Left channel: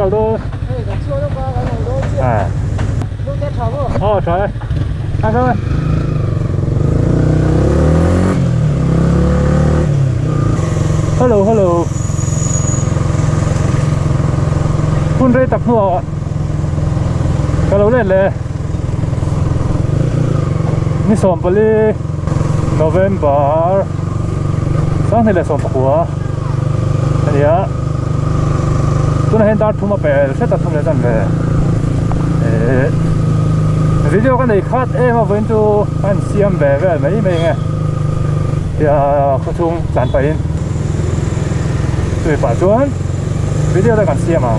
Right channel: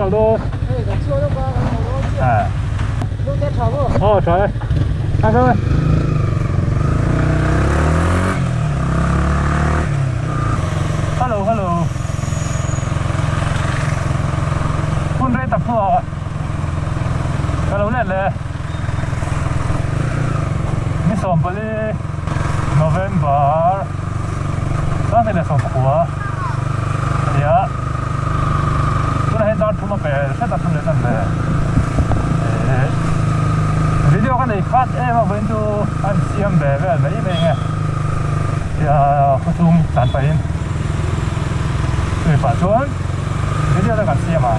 ngầu đô à trời ơi ăn thôi helloคุณได้ตับหัวอ่ะก็เราเล่นเลยนี่ส่งไปเลย November สร้างที่เลยส่งตะกัวอันนี้ตัวนั้นเห็นตาทุ่มมาเปย์เสร็จตัดทุ่มเลยตั้งแต่วิดีโอกันเลยคัดมาเว้นดูอันเสียมแบบไม่ไงเดี๋ยวผู้ชมสั่นไป对吧？就วิดีโอได้กันเสียมา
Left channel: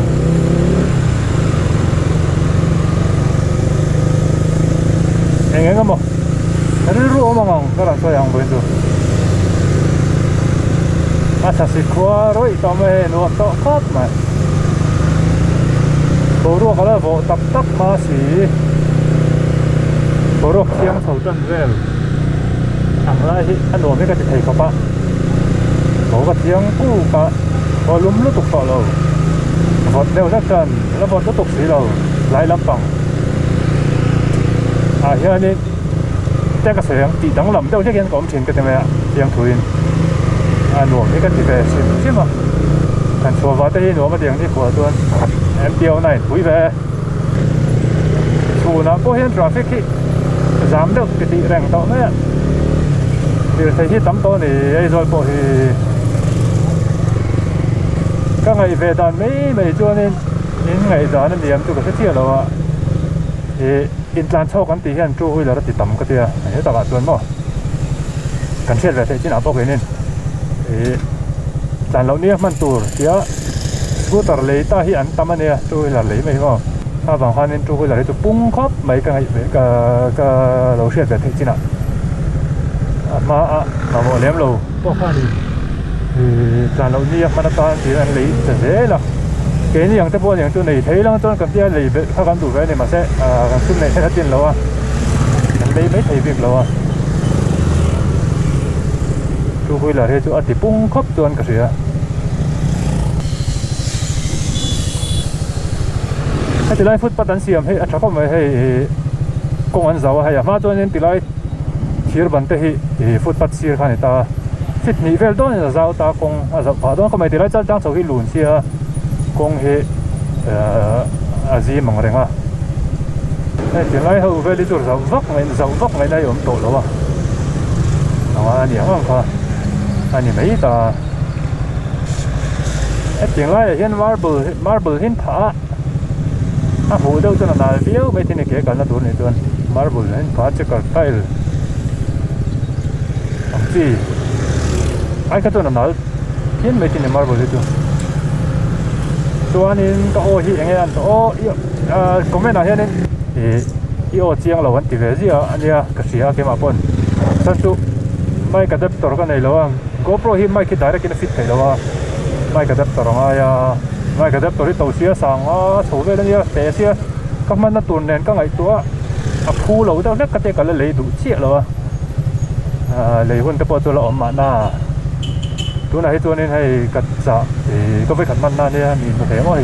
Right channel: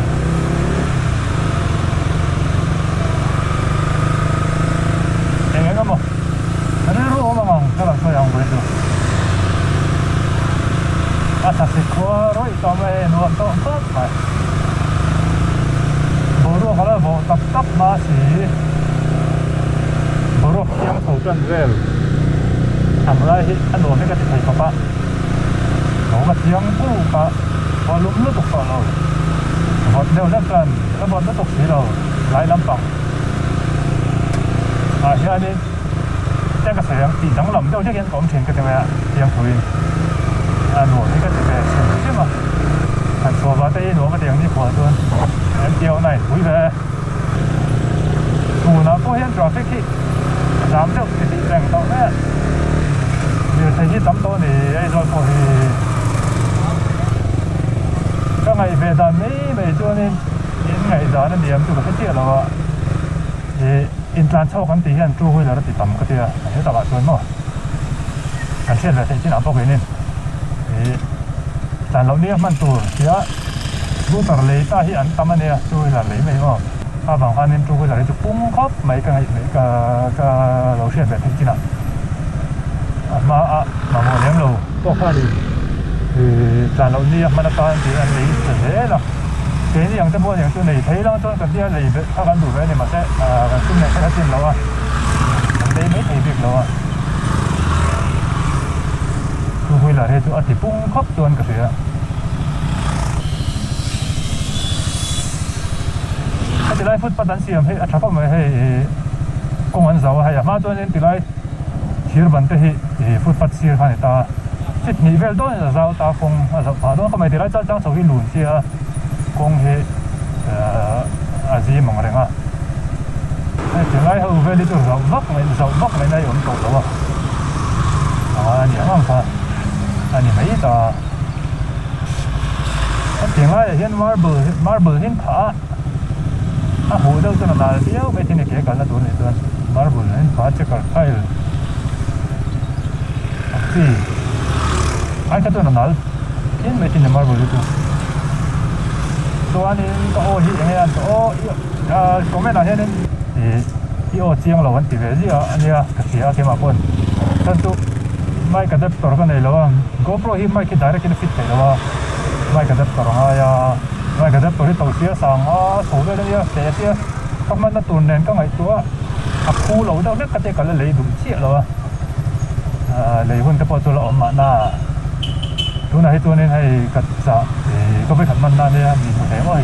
เองก็มั้งนั่นรู้มั้งก็เราตัวอย่างไปดูอาจจะสิกว่าร้อยตัวไม่นัวตัวครบมาโบรู้เขาเลยโบตับมาสิโบรู้เคียงเท่ากันเร็วทำอะไรที่อันโน้นไม่ก็จะใช้เขาปะโบก็เคียงกู้ปะพอล้มแล้วตกต่อเราบดเร็วแล้วกันแล้วบดแล้วตกสีเราหลายลำปังเฮียนี่แจ้งกระแสตีดังลำเดี๋ยวจะเห็นผมชินกันใช่ไหมอ่ะเตรียมถุยหนูนี่ก็จะเป็นชินใช่ไหมมันตัววัดได้หนูมาเดียงนี่หัวตัวเดียวหน่อยถุยไปดูนะพวกเห็นทราฟิกที่จามเด็กตีแบ่งตรงนี้เดี๋ยวใส่ที่ตั้มตัวนี่ไอ้โดยพวกที่ก็ไงเวลาไม่ตัวนี้ยังไงตอนนั้นเดียมตัวก็เที่ยวเราอินทรานชอบกันตีกันจู้หุ่ยแล้วติดต่ำก็เตี้ยเฮ้ยตลาดส่วนเนาะกันเชื่อแบบที่หนาพวกนี้แต่เราเนี่ยมันตัวเสียกูตัดเลยตาที่อันตั้มเนี่ยจู้หุ่ยแล้วเลยไม่ว่าถ้าบางครั้งนี่จู้หุ่ยแล้วจะปุ้งครบไม่กันไงก็เราเชื่อแบบที่หนามาเราเลี้ยงเราก็ข้าดีแต่เราเนี่ยมันก็ที่อันเลยจะเสียละเกณฑ์อย่างจะบอกอย่างตัวไหนเท่แล้วตัวกับที่อะไรถ้ากันดูไว้เนี่ยมันจะขึ้นในแค่จริงแล้วอ่ะได้ไม่ถี่เพียงแล้วอ่ะดูคุยละเรื่องตัวอธิปุ่งครบตัวกันเสียถ้าจะไล่ฟุตปัตตันเสียมให้อัชราพไม่ให้กงวันเสาร์ให้มาตัวนี้ติไล่เทียร์บันเตให้ฟุตปัตเสียร์ขันตาที่นิเวลต้นจะเสาตากงอาจจะพอต้นก็ไม่ติไล่จะจ้างเสาให้หลุนเสียกงเฮอาซีมังเร่งอ่ะแต่ถึงไอ้เขาเวลิตัวเราวักไม่ได้ยอมโตแล้วอันนี้มั่งค่ะอันนี้ไม่ต่อถึงไอ้เห็นมาร์เบิลเห็นผาหูเดียวตัวนั้นเดียวไปที่นี่เกี่ยวกันแล้วตัวนี้ตัวมาร์เบิลเห็นผาจะกระไทยที่ไอ้ตัวนั้นเห็นไปที่นี่มาร์เบิลตัวนี้ก็โอ้ยอย่างเงี้ยโอ้ก็ไม่ต่างกันนี่โอ้เจียงเราวันที่เวทีอันนี้ก็เสียเกี่ยมาปนแต่ตัวไม่กระดับตัวกันไหนแล้วก็เพราะที่ไม่คิดได้กินฟิตเลยแล้วไม่กระดับตัวไม่กระดับตัวที่ตัวเสียสังถูกไปแล้วเนี่ยแต่เสียก็มันตัวเน้นก็ไงตัวคู่เราต้องนักกระเตะกันเลยดูเชี่ยแล้วเลยคนจะปวดตัวเราออกมาหน้าตัวไหนตัวนี้ให้กระจับก็ไปขันมันนั่นเนี่ยมีมาแถมว่า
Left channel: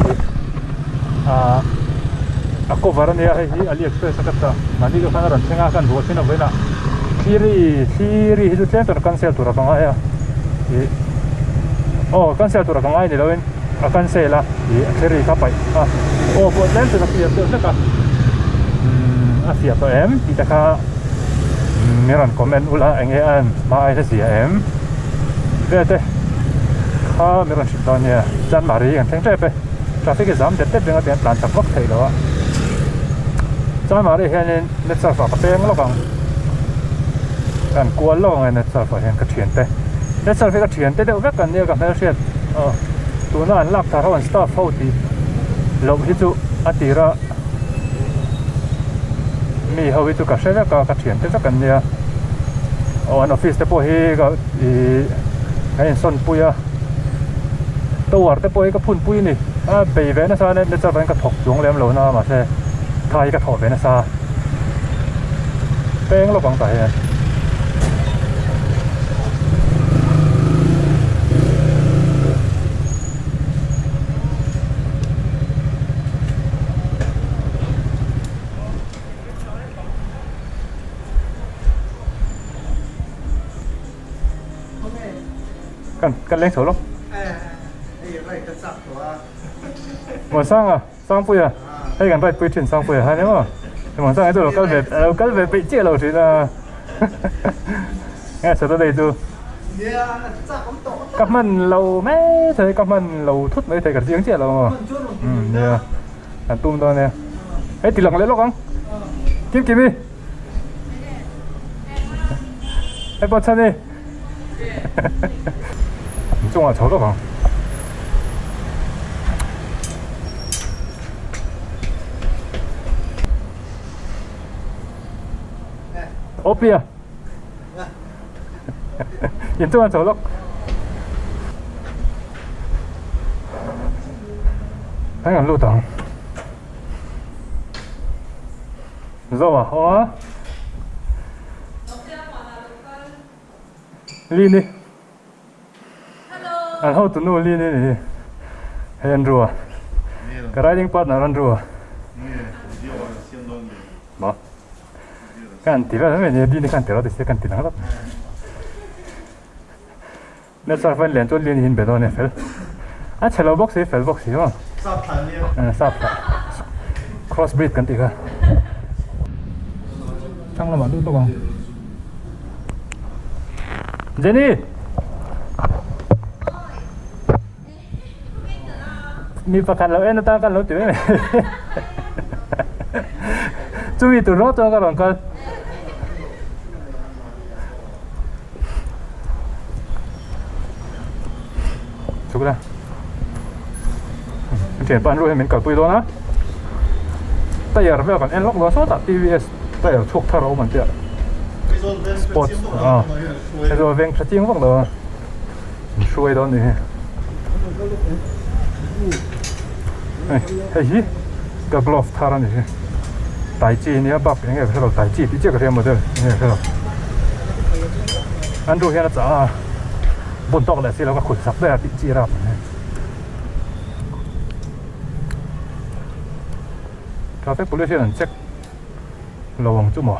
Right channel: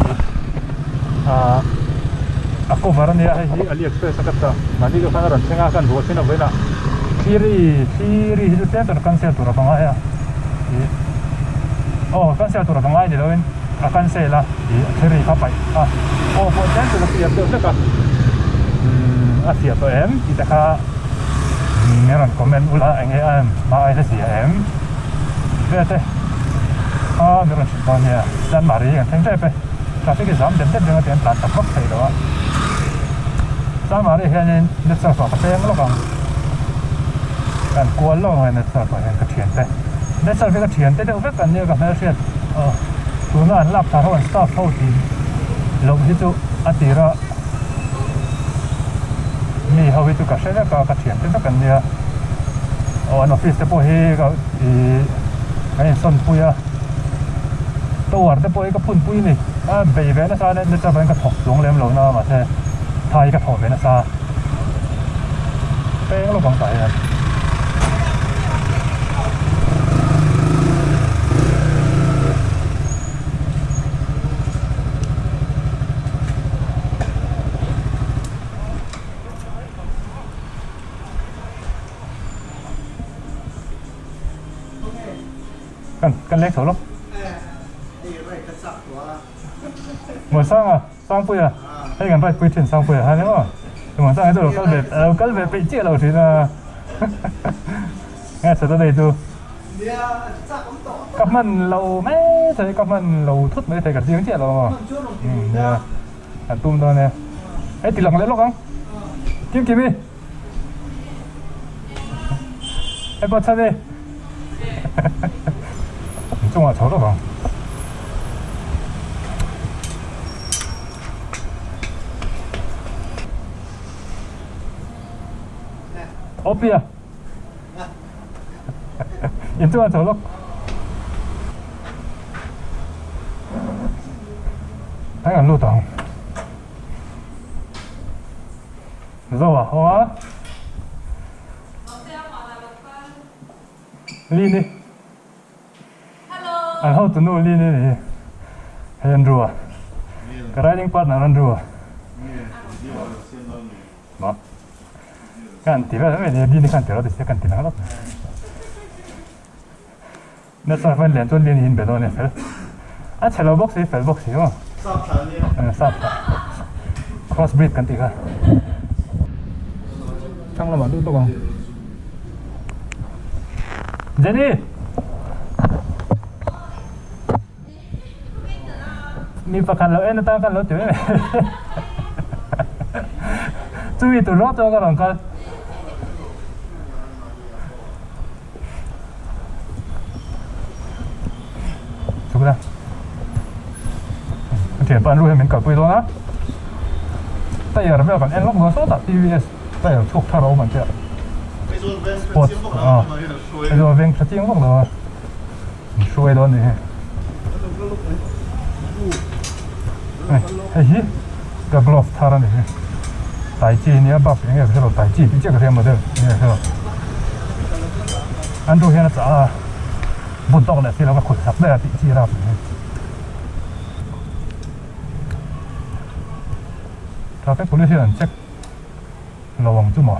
ก็วาระเนี่ยให้อาลีเอ็กซ์เพรสกัดตามันนี่ก็ขนาดนั้นเช่นกันหัวเช่นเอาไว้นะซีรีที่จะเต้นตัวกันเซลตัวละตรงไหนโอ้กันเซลตัวละตรงไหนเนี่ยเราเป็นกันเซลละซีรีเข้าไปโอ้พวกเต้นตัวละเสียตัวสักเสียตัวที่ตะขามีรันคอมเมนต์อุลาเงี้ยมาไอ้เสียเว้ยมีรันชิดตอนเนี่ยจันมารีกันทั้งเจ็บไปทราฟิกจามเด็ดๆdengan yang pelan takut saya doa. Jangan mari hanya net server kepeng lo bang. Dan kual lo bang net server yang kecian teh. Net server kecian teh udah kan dia kan macam tu na anlap taruhan staff hau di. Lom itu atira. Mi hau itu kasih ka kecian teh kan dia. Oh an office teh pohi ka di kain son puya.ตัวแต่ปอยก็พุ่นปุ้ยนี่เบย์เวนัสซาเนี่ยจะเป็นกระถกดวงแหลมเหลวนะมาเช่ไทยกระถกเวนัสซาแป้งเราของใส่ กันเล็กเถอะลูก ไอ้ไรจะสับตัว หมดสร้างอ่ะสร้างปุ้ยอ่ะให้กันไปปุ้ยถึงสร้างปุ้ยฮะเนี่ยมั้งแต่หมดสร้างไอ้ตัวเราก็แบบไปเจี๊ยเราถึงนะงั้นสุดท้ายดู เนี่ยจับคำตอบ กับมันเราไม่ใช่กับมันเราทุบไม่ใช่กับเสียงเจี๊ยเรา มันช่วยลงทุน เนี่ย นะ อันตุ้มตอนเนี่ยไอ้ติดหลังเล็กลูกมั้งกินกี่ปีไอ้บอลชานี่中华炒得吧？我比啊，也中华炒了。睇下路檔，肉啊，好啊。呢呢。Al how to know Lini ni hay Andrew cái riding partner Andrew mà kan tira mấy này đi kan tira thì sẽ kan tira đó nên sao phải lên cho Lini hin bedo này phải à chelo box ấy phải box không sắp thành nha sắp cross breed kan tira thằng làm ăn đâu không Jenny ni pakan lo nó tăng kan lo tuổi này chú ý tụi nó tôi có làm con chú ra tiền toàn nuôi mình cả quỳ đó á tại giờ bây giờ còn em lóc nó sót TVS tại giờ thuộc thao mình chưa sport bây giờ ven trật tiếng vắng rồi xuôi đó này cái gì cái glove thà ra này tài chi này bắp cái này cái là tài chi bị chết cái gì mà đây này cái anh đôi hiện là bồn tóc lại thì nó có khử sạch đây bị chi ra traffic pollution check là vòng chung mà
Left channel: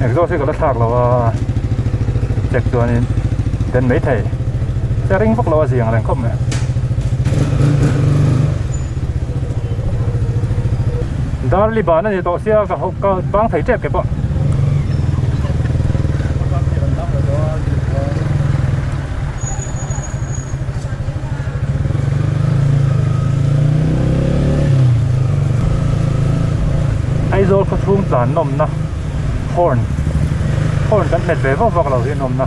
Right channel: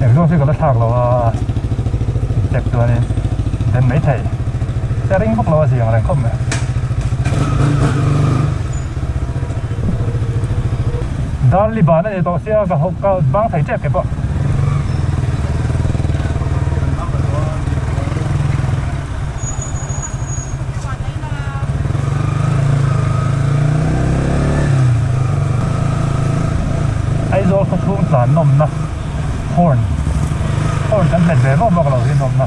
này cái cái là thạc là checkตัวนี้เป็นmấy thầyจะringพวกเราเสียงอะไรkhông này đó li bản này tổ xe cả băng thấy chết cái bọn ai rồi có xuống giàn nôm na horn chẳng hết về vóc vào cái nôm na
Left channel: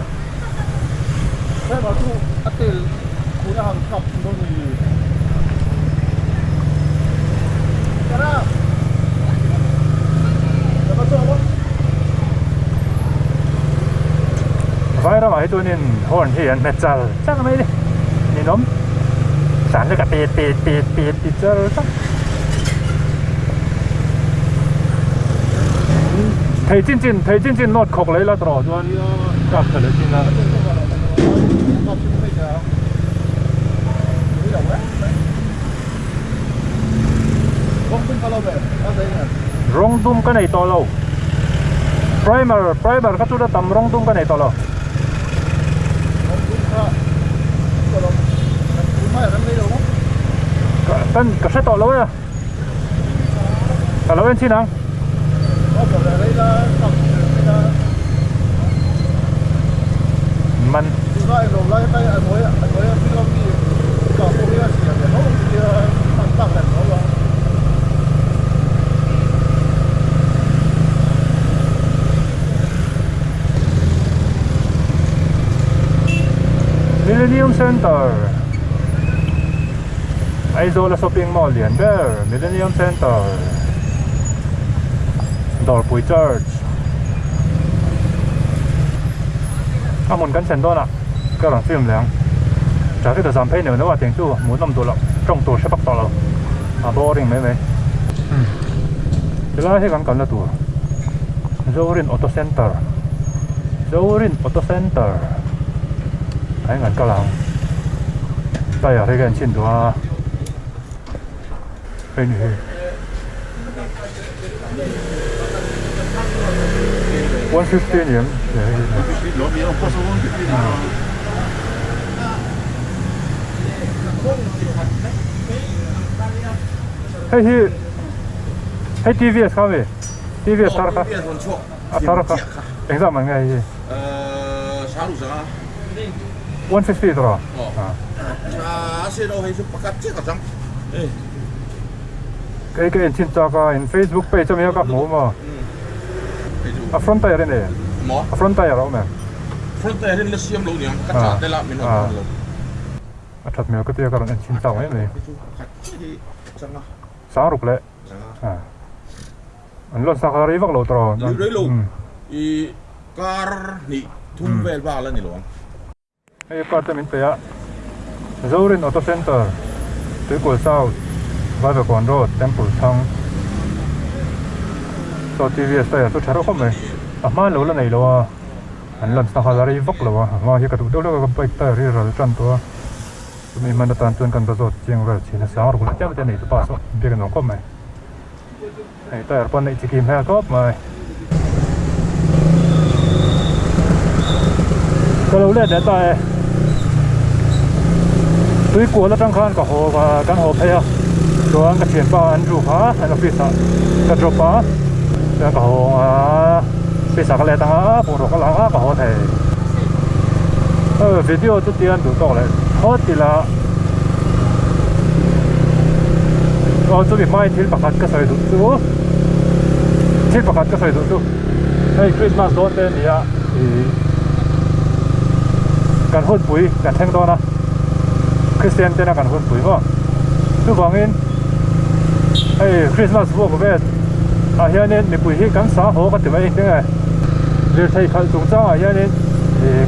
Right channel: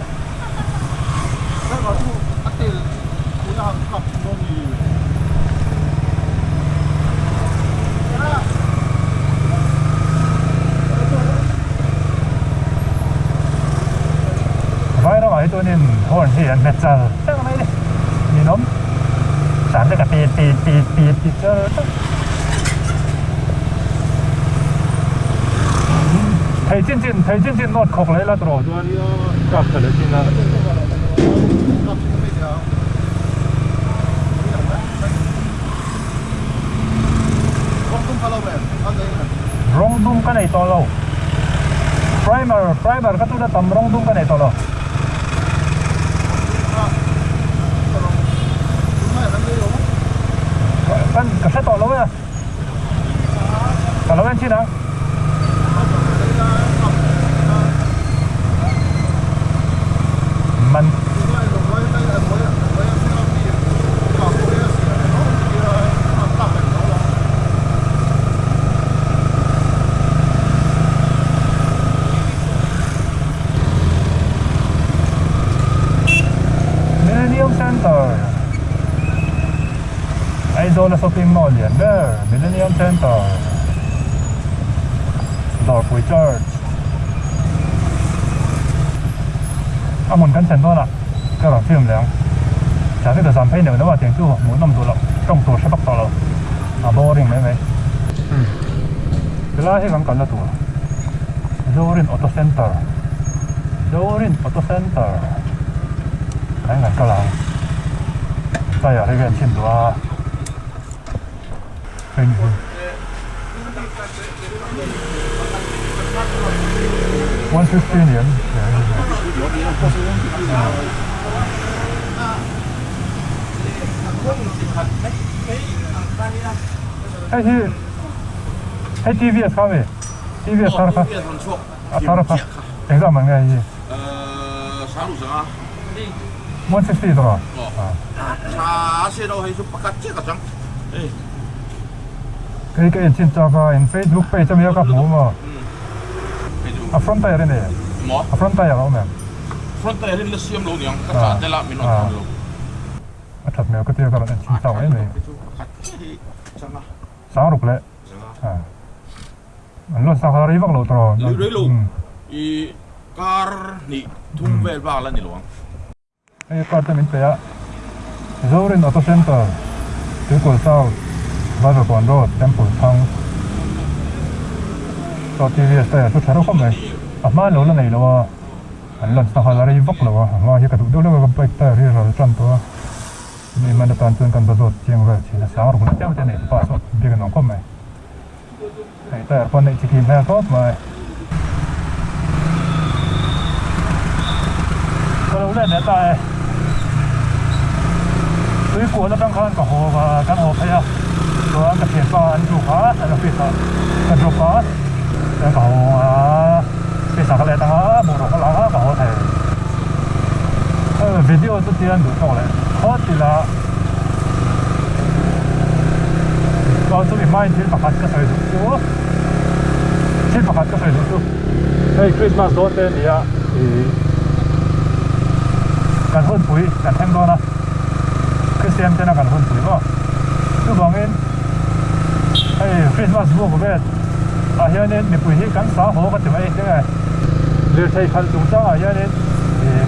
vai đó ấy tôi nên horn hiện mệt giờ chắc là mấy đi nhìn ốm sản cho cả tiệt cho chắc thấy trên nốt khóc lấy là trò cho anh cặp phải là trên là rong dum cái này to lâu primer cái chỗ đó tầm rong dum cái này to lâu cái sách to lâu á lâu bên trên nào mình Millennium Center Aizola Shopping Mall liền there Millennium Center Dorpui Church muốn cân chân thôi nè cái làm phim liền trả cái tờ giảm phê nếu nó vào tiền tu muốn làm đồ lắm trong tổ sẽ bắt tỏ rồi boring mấy cái là hay bằng cần là tủ Zorin Auto Center đấy ngành cao lắm đây ở đây gần trên đó bên 115 年， ให้ TVS ครับพี่ TVS ครับ TVS มันช่วง ครับเองก็มันไง selalu sangat 150 ตลอด saya dah hidup pakat cek kacang cái in trên cho cái in Facebook page cho mình các mũ mà front tire này mỏ front tire đâu mà front tire ini siam lo yang kaca tela minum kan lo thật nhiều cái tiêu cái này trên cho cái này pakat cek kacang sáng rụp lại anh lo sao đi vác lô trò lưới lô i car ni thung vel ba là ni lo cái car cho mình thấy á Zorin Auto Center Circle South Vavegon Road Temple Chang so TVS tire tôi thấy không mày mà lâu là này lo anh lần sau là đi vác lô mà hiện cái đâu đâu cái bike tire rồi chân tôi mình mà đặt tên cần bao tiếng rồi chỉ là sáng rồi cũng chắc cái này tôi pass biết cái nó không mày này tire con này chỉ kiếm theo có mà có lâu lên để tire tôi của nó trong khan cả hồ và căn hồ theoตัวนั้นก็เขียนว่าอันรูปะอันฟิสอันรูปะแล้วก็ฟิสก็เลยตั้งผมรู้แล้วก็หัวเทวิดีโอตัวเดียวดูต่อเลยเพราะที่ละก็จะมีไม้ที่ประคัดก็ใส่ดูที่ประคัดก็ใส่ดูไอ้คริสต์มาสโดนเต้นเนี่ยการพูดปุ๋ยการแข่งโดนนะคริสเตียนเต้นการพูดปุ๋ยก็ดูบางเงินไอ้คริสต์มาสพวกผมเนี่ยอย่างนี้มีปุ๋ยที่กันสาหัวกันถึงไอ้เนี่ยเรือไทยขันสูงจ้าอย่างนี้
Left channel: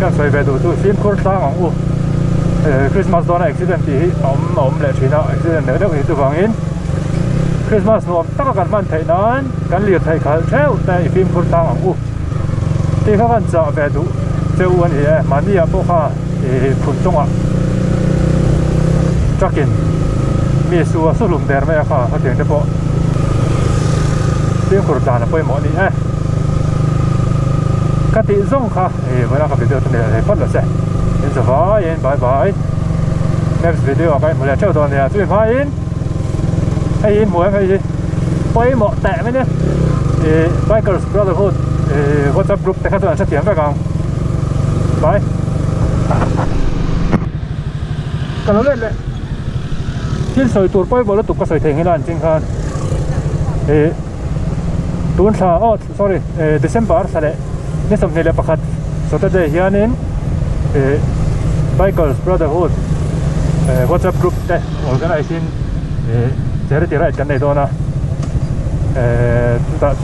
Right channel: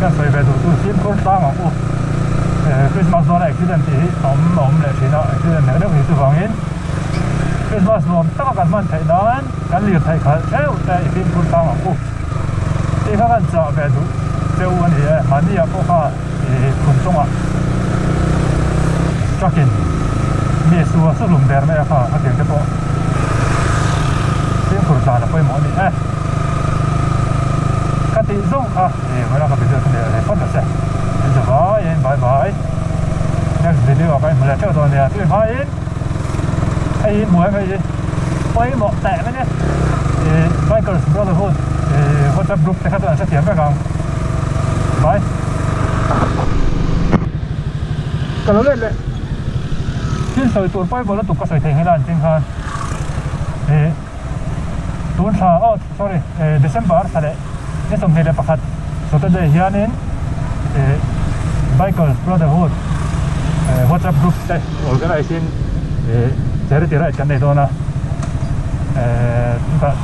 กันใส่แบบดูฟิล์มโคตรต่างของอุคริสต์มาสโดนอุบิเหตุที่อมเลยทีน่ะอุบิเหตุเนี่ยเดี๋ยวดูบางเงินคริสต์มาสผมตั้งกันมันไทยนั้นกันเรือไทยขันเช่าแต่ฟิล์มโคตรต่างของอุที่เขากันจะแบบดูเจ้าวันนี้มันนี่พวกเขาคุณจงอ่ะจักกินมีส่วนสุดลุ่มเดินไม่ค่ะเขาเถียงจะบอกเที่ยงกุศลนะไปหมอนี่กติส่งค่ะเวลาก็ไปเจอคนเดียวเลยพัดเลยใช่เห็นจะบายบายบาย next video กันหัวเจ้าตอนนี้ช่วยพายอินไอ้อินหัวไอ้อินไปหมอแตะไหมเนี่ยBikers Brotherhood WhatsApp group แต่ข้าตัวนั้นเถียงไปกันไปกันเราเล่นเลยที่ใส่ตัวไปบนรถตุกก็ใส่เทงให้ล้านจริงค่ะตัวชาsorry December สระนี่สมเหตุประคัดสุดท้ายเฮียนินBikers Brotherhood WhatsApp group แต่ organizing เจริญเจริญกันในตัวนะ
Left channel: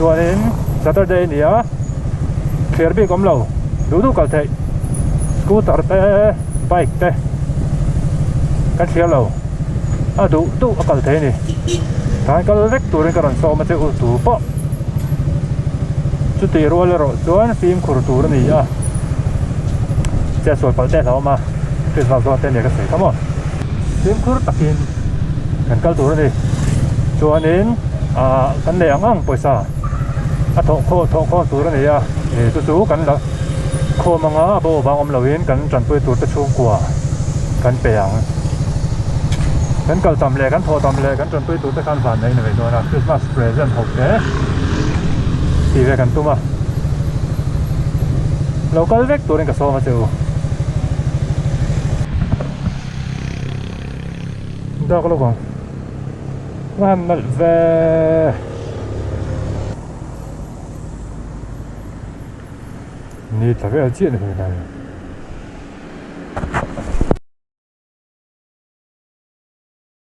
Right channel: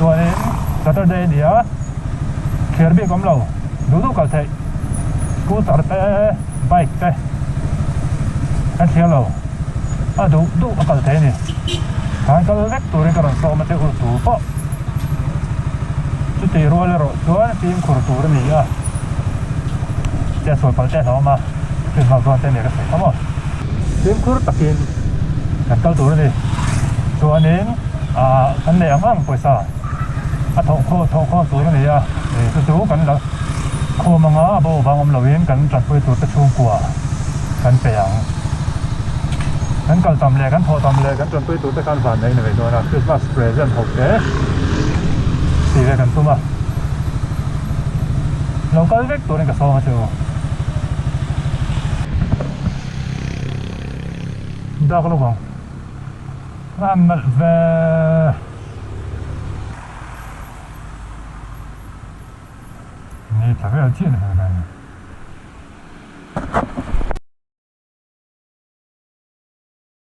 ตัวนี้ Saturday เนี่ยเคลียร์บีกอมเราดูกันเถอะสกูตเตอร์เตะไบค์เตะกันเคลียร์เราดูกันเถอะนี่การก็เล็กตัวนี้ก็รันโซมาเจอตัวปะจุดที่รัวเลยเราตัวนั้นฟิล์มขูดตัวนี้จะสวยกว่าเต้เรามาเป็นเราตัวเต้เนี่ยก็สวยทั้งหมดฟิล์มขูดตักกินกันก็ตัวนี้ตัวนี้กันเนี่ยอ่างปอยซาทอกโคตัวนี้สู้กันแล้วโคมังอาโบบางอมเราเองกันจันทร์ไปตัวตะชุ่มกว่ากันเปียงกันก็ทำเลยกันพอทำเลยกันจันทร์ไปตัวตะการผ่านในหน่วยตัวนะคริสต์มาสเพรสเซนต์6เนี่ยตีเลยกันตัวมาเราก็เล็กตัวนี้ก็ซ้อมมาเจอได้ก็รู้บ้างنعمل في نيت لا فيها تين في